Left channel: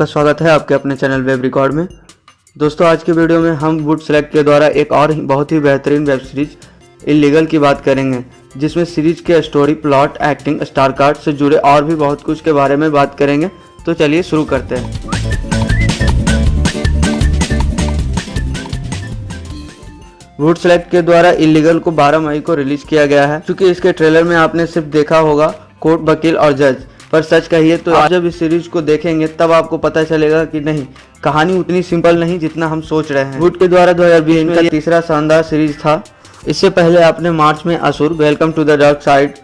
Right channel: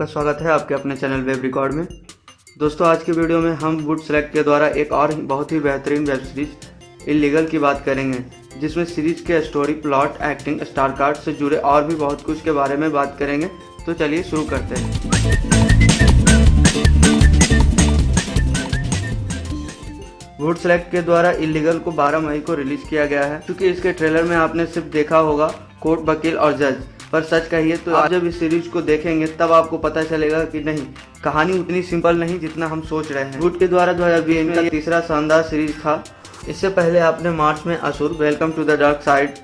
आपका स्वागत है आपके अपने चैनल वेब रिकॉर्ड में। दोस्तों आज की वीडियो में हम वुड सेलेक्ट के द्वारा एक और बहुत ही बेहतरीन वेब सीरीज इल्लीगल की बात करेंगे, जिसमें सीरीज के story, plot, acting, star card से जुड़े और भी बहुत कुछ के बारे में बात करेंगे। तो चलिए शुरू करते हैं। वुड सेलेक्ट के द्वारा इल्लीगल को 12 मई को रिलीज किया गया है। क्योंकि इसके ट्रेलर में आपने सिर्फ देखा होगा कोर्ट, वकील और जज, पर सच कहिए तो आप जब इस सीरीज को देखेंगे तब आपको पता चलेगा कि नहीं, कहानी उतनी सिंपल नहीं जितना हम सोच रहे हैं। वुड के द्वारा 2020 में तीसरा शानदार सीरीज था। इससे पहले आपने मार्च में Asur, welcome to the dark side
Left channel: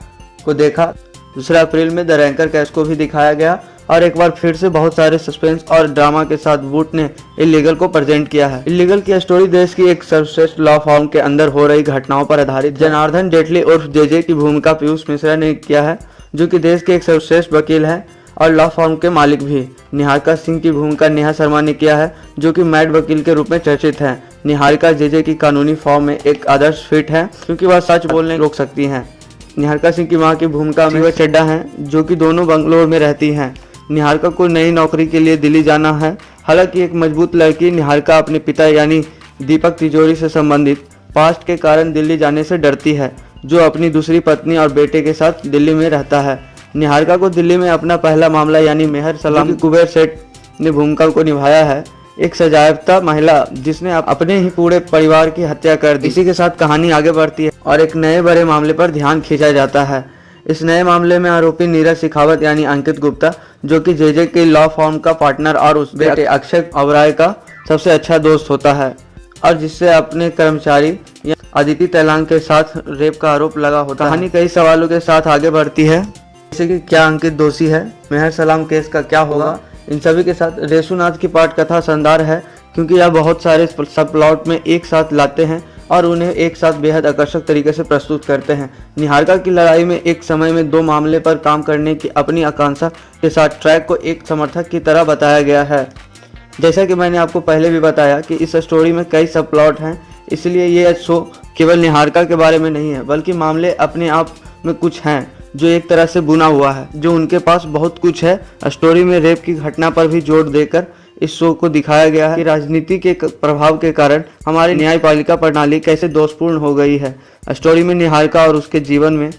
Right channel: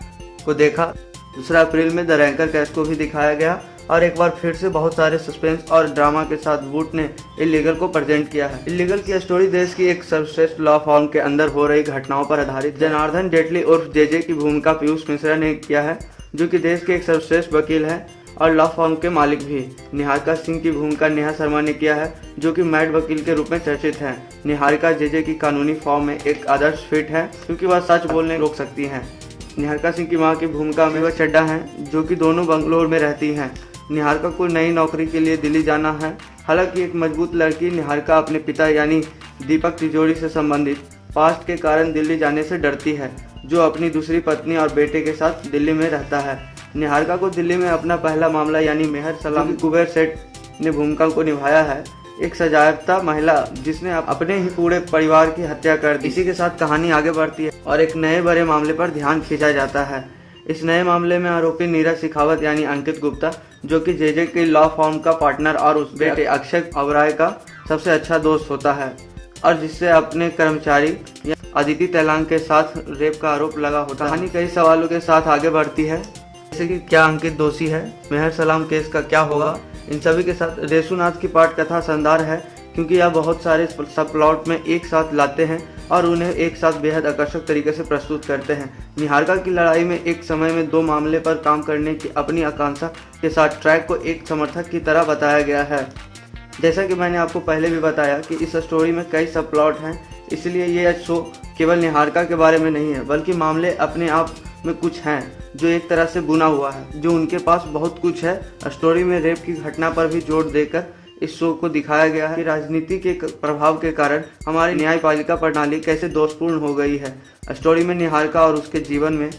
को देखा। दूसरा अप्रैल में द रैंकर केस को भी दिखाया गया और एक बार फिर से बहुत सारे सस्पेंस और ड्रामा के साथ वुड ने इल्लीगल को प्रेजेंट किया है। इल्लीगल की स्टोरी देश की एक सर्वश्रेष्ठ लॉ फर्म के अंदर हो रही घटनाओं पर आधारित। जनार्दन जेटली उर्फ जेजे की भूमिका पीयूष मिश्रा ने किया है, जो कि देश के एक सर्वश्रेष्ठ वकील है और लॉ फर्म के मालिक भी। निहारिका सिंह की भूमिका नेहा शर्मा ने किया है, जो कि मैड वकील के रूप में चर्चित है। निहारिका जेजे की कानूनी फॉर्म में एक आदर्श फिट है, क्योंकि वह सच बोलने रोक सकती हैं। निहारिका सिंह की मां की भूमिका में चड्डा है, जो कि दोनों बंगलोर में रहती हैं। निहारिका को नई नौकरी के लिए दिल्ली जाना है। हालांकि एक मजबूत लड़की निहारिका अपने पिता यानी दीपक तिजोरी से संबंधित पास्ट के कारण दिल्ली जाने से डरती है, जो अपनी दूसरी पत्नी और बेटे के साथ दिल्ली में रहता है। निहारिका को दिल्ली में अपना पहला मामला यानी मेहर सलाम कुबेर सेठ ने भूमिका को निभाया है, एक सजायाफ्ता महिला जिसने अपने ही पूरे परिवार की हत्या कर दी। इसी के साथ कहानी आगे बढ़ती है और एक नए बड़े मामले पर ध्यान खींचा जाता है। इस नए मामले में आरोपी नीरज शेखावत यानी अंकित गुप्ता, जो कि जेजे के लॉ फर्म का पार्टनर और उस बेटे अक्षय ओबराय का सबसे अच्छा दोस्त होता है, और जिससे अपने कर्मचारी अदिति तैलांग के साथ रेप का आरोप लगा होता है। कहानी कई सवालों के साथ आगे बढ़ती है, जैसे कि क्या अंकित दोषी है, मेहर सलाम केस का क्या होगा। इन सभी के साथ रेसूनाथ की पाठ कथा शानदार है, क्योंकि यह बहुत सारे सब प्लॉट में एक साथ लाते हैं और उन्हें एक साथ बेहद आकर्षक तरीके से प्रस्तुत करते हैं। निहारिका की लड़ाई में एक समय में 2 मामले पर काम करने की अपनी आकांक्षा के साथ ट्रैक को एक समर्थक की तरह बताया गया है। जैसा कि मैंने आपको पहले भी बताया कि इस स्टोरी में कई सब प्लॉट हैं, इसलिए ये शो केवल निहारिका के बारे में नहीं है, बल्कि मामले अपने आप में कुछ हैं जो एक तरह से बुना हुआ है, जो उनके पास बहुत कुछ है। स्टोरी में रेप की घटना पर भी जोर देकर इस शो को दिखाया गया है कि राजनीति के प्रभाव के कारण हमारी न्यायपालिका प्रणाली कैसे दोषपूर्ण हो गई है। स्टोरी में निहारिका और उसके जीवन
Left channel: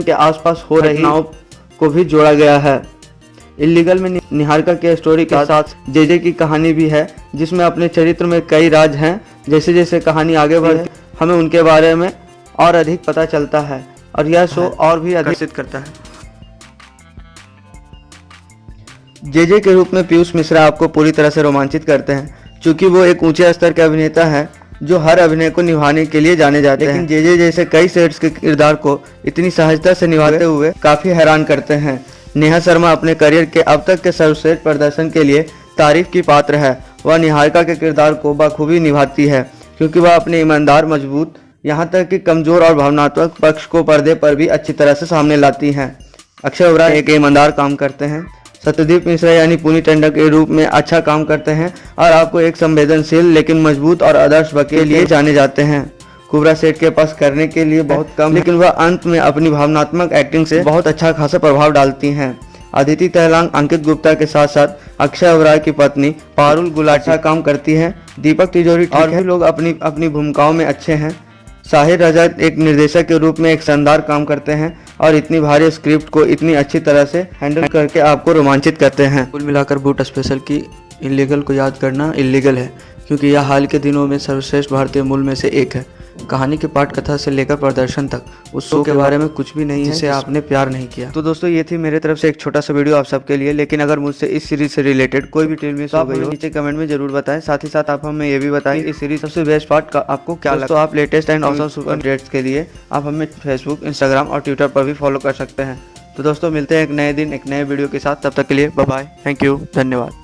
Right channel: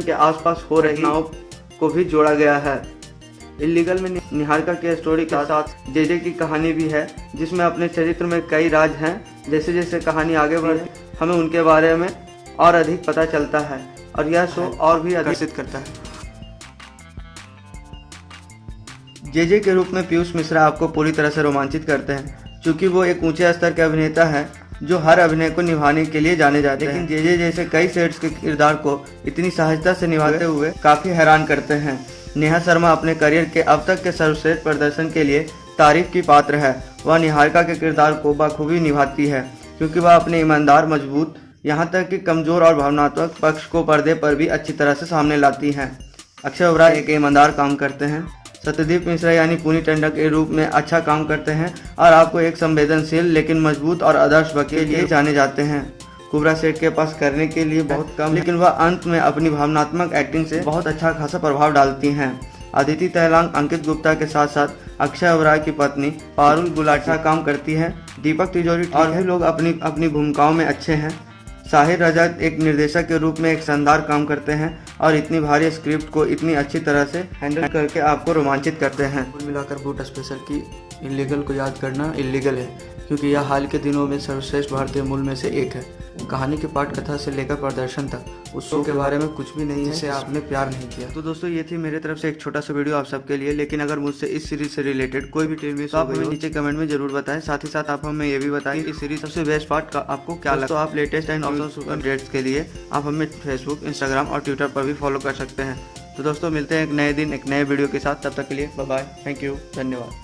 के आसपास हो रही घटनाओं को भी जोड़ा गया है। इल्लीगल में निहारिका के स्टोरी के साथ जेजे की कहानी भी है, जिसमें अपने चरित्र में कई राज हैं। जैसे जैसे कहानी आगे बढ़े हमें उनके बारे में और अधिक पता चलता है और यह शो और भी आकर्षित करता है। जेजे के रूप में पीयूष मिश्रा आपको पूरी तरह से रोमांचित करते हैं, क्योंकि वो एक ऊंचे स्तर के अभिनेता है जो हर अभिनय को निभाने के लिए जाने जाते हैं। लेकिन जेजे जैसे कई सेट्स के किरदार को इतनी सहजता से निभाते हुए काफी हैरान करते हैं। नेहा शर्मा अपने करियर के अब तक के सर्वश्रेष्ठ प्रदर्शन के लिए तारीफ की पात्र है। वह निहारिका के किरदार को बखूबी निभाती है, क्योंकि वह अपने ईमानदार, मजबूत, यहाँ तक कि कमजोर और भावनात्मक पक्ष को पर्दे पर भी अच्छी तरह से सामने लाती हैं। अक्षय ओबराय एक ईमानदार काम करते हैं। सत्यदीप मिश्रा यानी पुनी टंडन के रूप में अच्छा काम करते हैं और आपको एक संवेदनशील लेकिन मजबूत और आदर्श वकील के लिए जाने जाते हैं। कुबरा सेठ के पास करने के लिए बहुत कम, लेकिन वह अंत में अपनी भावनात्मक एक्टिंग से बहुत अच्छा खासा प्रभाव डालती हैं। अदिति तैलांग अंकित गुप्ता के साथ साथ अक्षय ओबराय की पत्नी पारुल गुलाटी काम करती है। दीपक तिजोरी और भी लोग अपनी अपनी भूमिकाओं में अच्छे हैं। साहिर रजत एक निर्देशक के रूप में एक शानदार काम करते हैं और इतनी भारी स्क्रिप्ट को इतनी अच्छी तरह से हैंडल करके आपको रोमांचित करते हैं। कुल मिलाकर बूट स्पेशल की इल्लीगल को याद करना इल्लीगल है, क्योंकि यह हाल के दिनों में सर्वश्रेष्ठ भारतीय मूल में से एक है। कहानी की पाठ कथा से लेकर प्रदर्शन तक उस शो के बारे में कुछ भी नहीं है जिसे आपने प्यार नहीं किया। तो दोस्तों ये थी मेरे तरफ से एक छोटा सा वीडियो आप सबके लिए। लेकिन अगर मुझसे इस सीरीज से रिलेटेड कोई भी टीम मिस हो गई हो, नीचे कमेंट में जरूर बताएं। साथ ही साथ आप हमें ये भी बताएं इस सीरीज सबसे बेस्ट पार्ट आपको क्या लगा। तो आप latest and awesome super updates के लिए आप हमें फेसबुक, इंस्टाग्राम और ट्विटर पर भी फॉलो कर सकते हैं। तो दोस्तों मिलते हैं एक नए दिन एक नए वीडियो के साथ। तब तक के लिए बाय बाय, थैंक यू, धन्यवाद।